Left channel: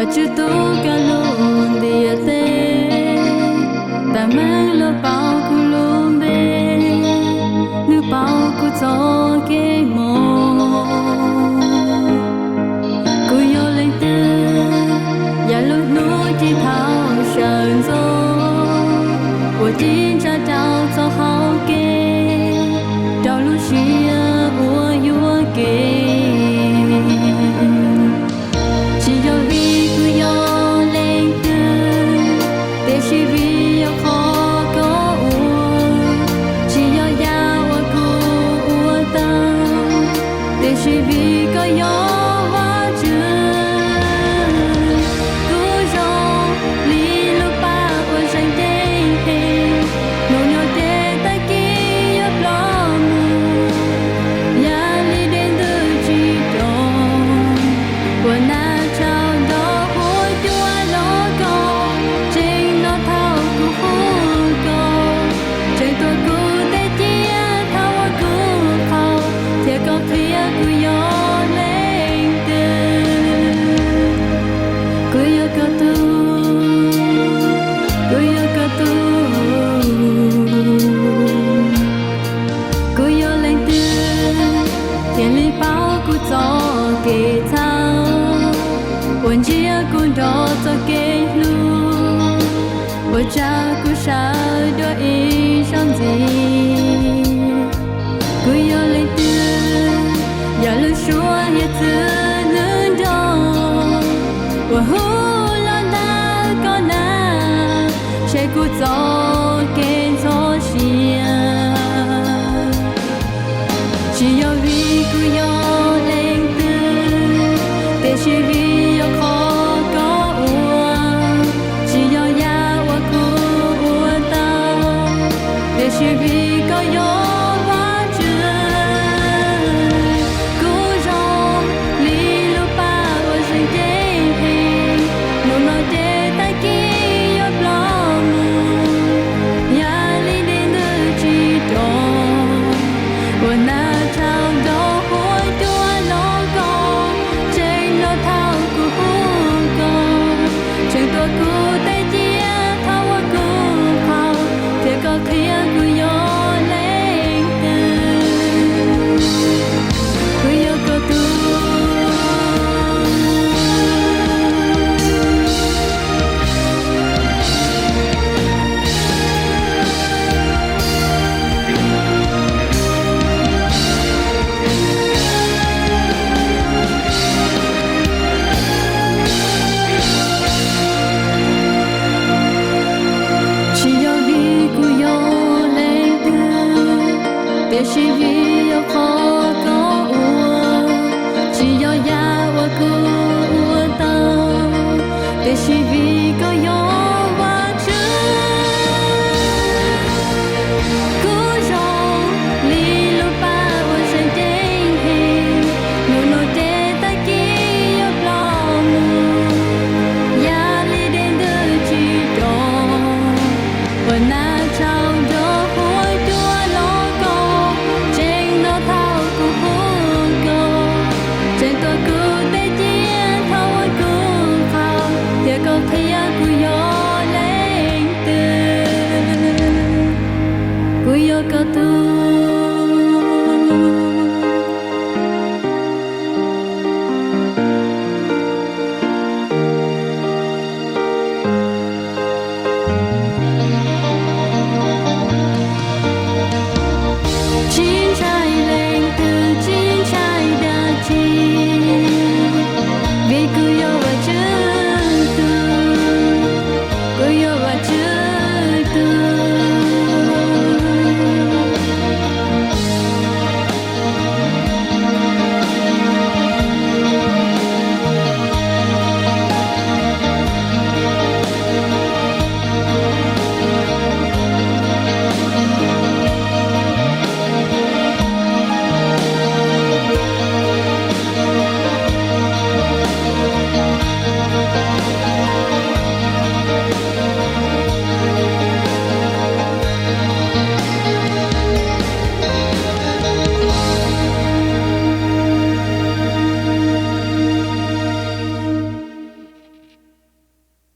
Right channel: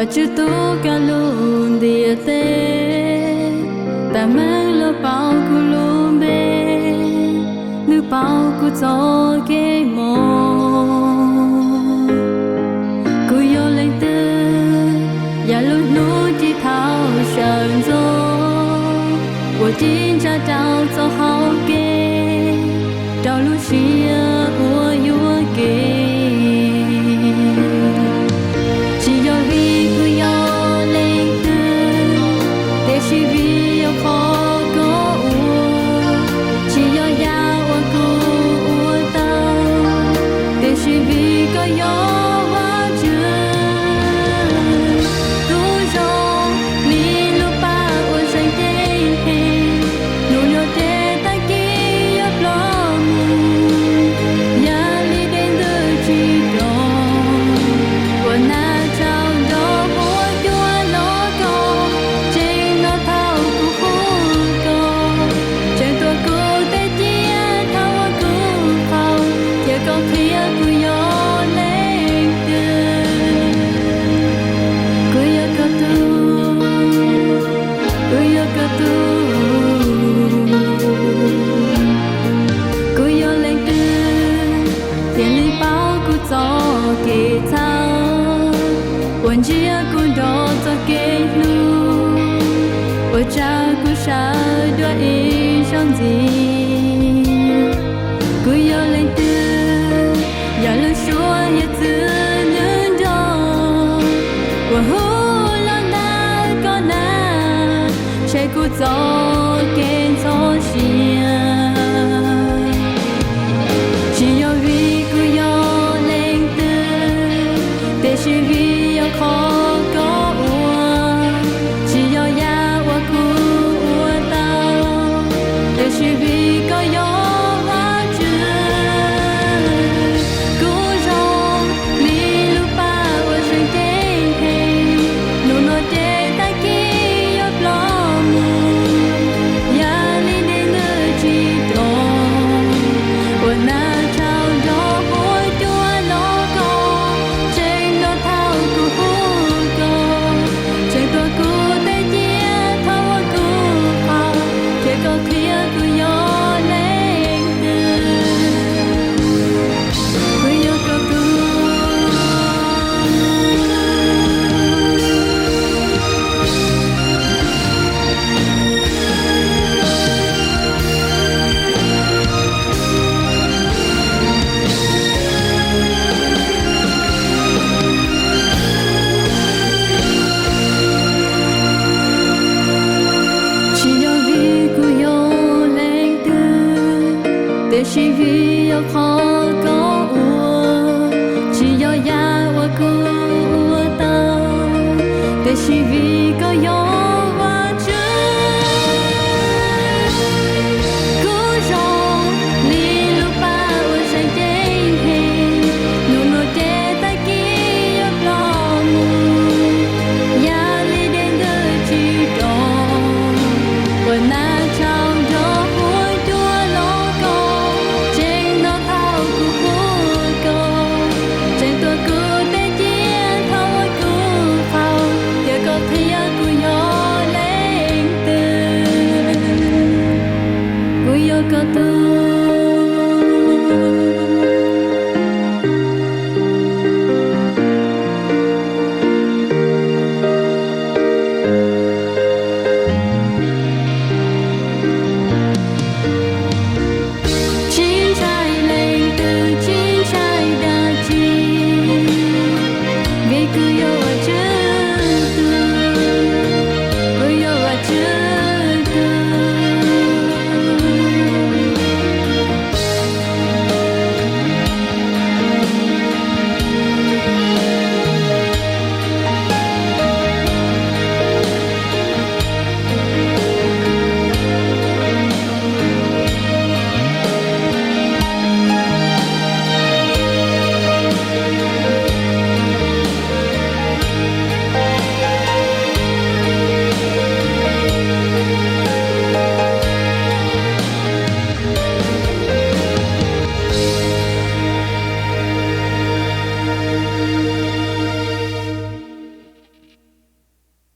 và chữ tu cả luôn địa tê ta mang lo bao cu luôn bê nữ bao cu cho cái mồ cu yo lên tư ya lúc núi chỉ thao sơn gió我今朝朝走好给，朝路是我有我给，只有一个要来的，但是为要好过我，只要要我过我到，但是为个要我着，故容离路把我生的。nô nhớ thế ta kia yết lo mù, ya li đến từ chỉ tròn, và na trao đó hối chúa lo co, trên nó thao cu hú co, trên tua cu tê chia thao qua cu khâu, thiệt có khía cu yo lên từ, cu yo có tu. Kuyo katu, kuyo lên tư, thiên lý bao cu cho kê thao, quân chia cu đó cho kê lu, quân cha cu sa đua in trong gì, kuyo lên tư, ya lu xua ya tư nương đó, quân hu sẽ cứ cho kén cho xia chỉ có vì cứ yo lên tư để chỉ vì yo khó có uổng chỉ có ya uổng cứ uổng tao để chỉ vì có yo và chơi cứ rong li lu ba uổng sinh trên hình nụ nói chế ta kia yo lo ya li đến nơi chỉ tròn, và na trao đó hối chúa lo co, trên nó thao cu hú co, trên tua cu tê chia thao qua cu khâu, thiệt có khía cu yo lên từ, cu yo có tu. chỉ có vì cô yêu lên tư để chỉ vì yêu khó có uổng chỉ có ya và cô uổng tao để chỉ vì có yêu và chơi cô rong li lu ba uổng sinh trên hình nụ nụ chế ta kia yêu lo mù ya li đến từ chỉ tròn và na trao đó hối chúa lo co, trên nó thao cu hú co, trên tua cu tê chia thao qua cu khâu, thiệt có khía cu yo lên từ, cu yo có tu.